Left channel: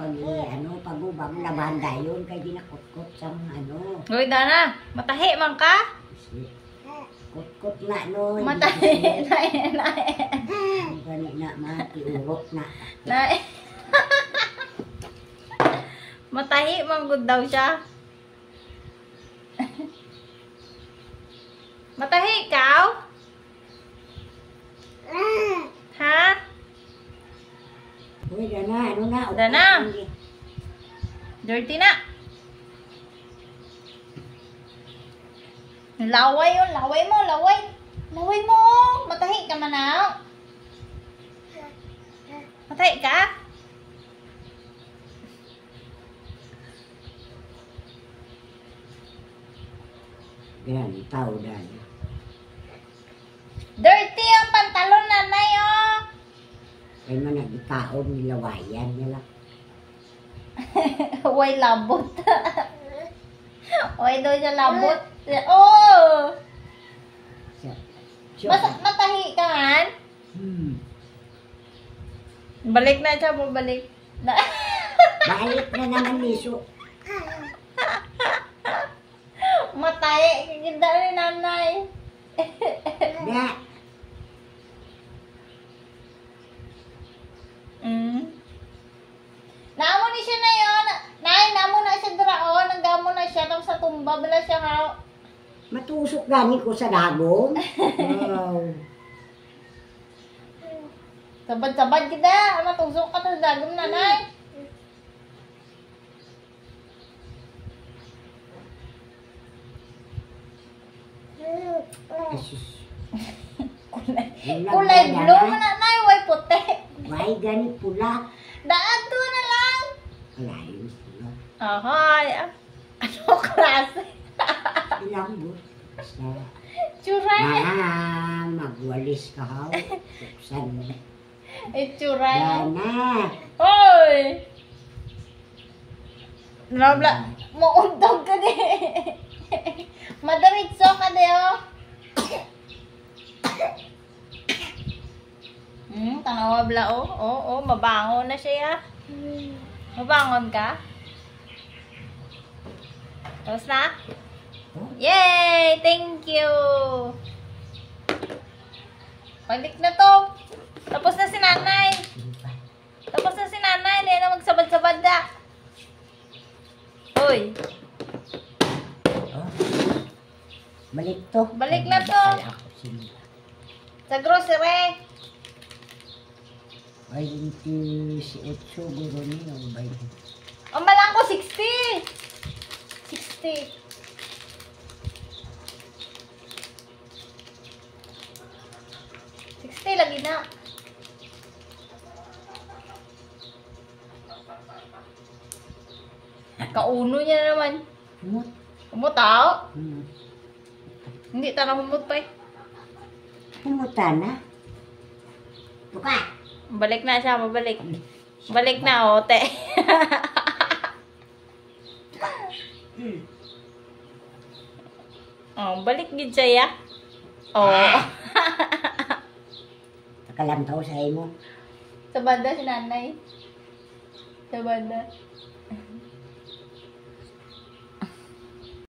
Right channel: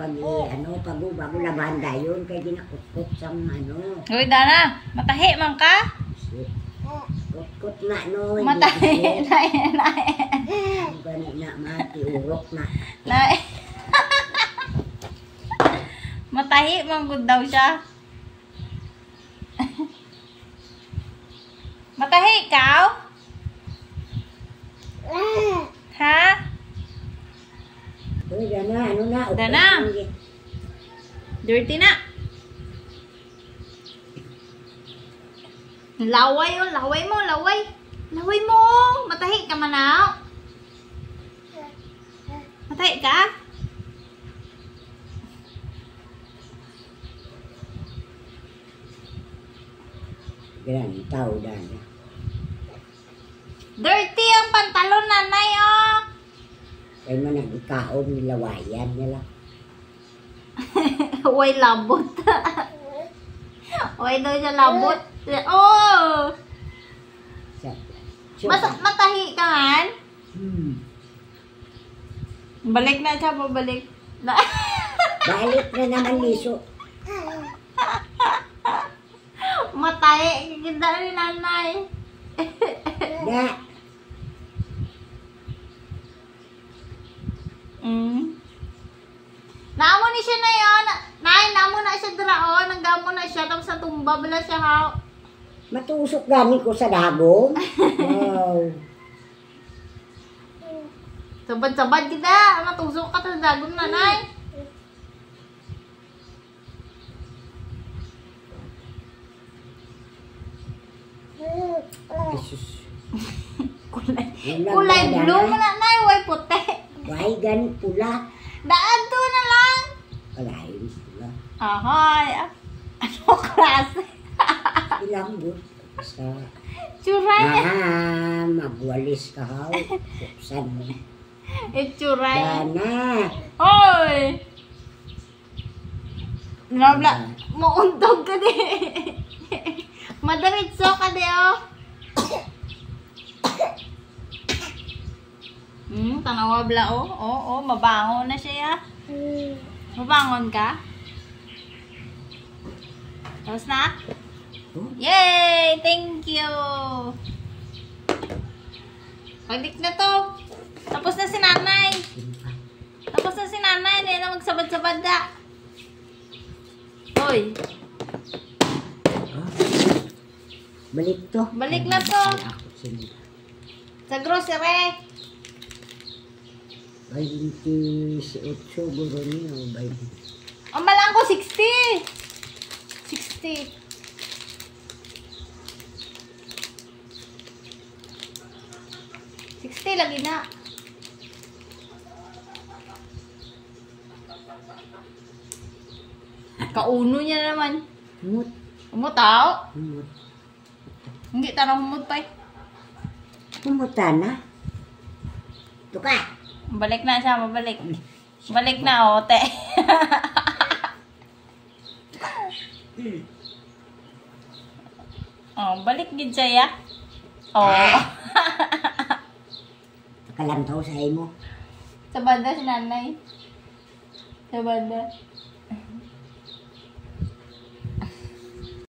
pag bago labanda yun, kaya ginakot-kot sa ano. Uy, Dana, matahi man ka? Kot-kot na, no. Matahi, nae. Ganit na, mati, urok na. Nae. Matahi man gud daw siya. Matahi ikaw? Ha? Uy, Dana, ano na? Dana. Dirty na. Laway yun, laway mo. Laway mo. Matahi ka manaw. Matahi ka? Ganun, tao, Dana. Dirty ang pantalon, nanay, oh. Kaya man nag-ikaon, nilawayan nila. Uy, labot. Uy, daw siya labot. Oh! Matahi ka man? Balik na siya, pabalik. Balik na naman, Liso. Matahi. Ganda ni nanay. Na. Naamo ni siya na yun. Nay, naamo na siya draon. Nagamo na siya. Tapos sa tumba, bala siya ha. Matusok gani ko sa dagom. Wow. Sabad-sabad kita. Matusok ka sa dagom, nanay. Jesus. Kulay blue man, nanay. Way puti. Why gani pula? Daan to na lang. Alay, pula. Ahoy. Ano klase? Ilang but. Basta. Churay. Magwalis ka haw. Buksan mo. Churay. Dana. Hoy. Nabla. Mauntog ka di. Madaritso ka di, oh. Tanawa bla, oh. Oo, mabangon na siya. Mabangon ka? Tapos na? Yay! Thank you! Balik na to. Tapos na si nanay. Tapos na si nanay. Hindi na magsabad-sabad na. Hoy. Balik to. Balik na to. Sa grocery. 28 siguro niyo. Ang malang ko, 60. 60. 60 lagi na. Kauno niya naman. Humot. Umutaw? Humot. Hindi, tanong humot pa eh. Humuta na. Tuka. Balik na siya, mabalik. Balik na, ote. Oh, balik din siya, ya. Oh. Nakalantaw sa imo. Sa banda si nanay. Sa banda.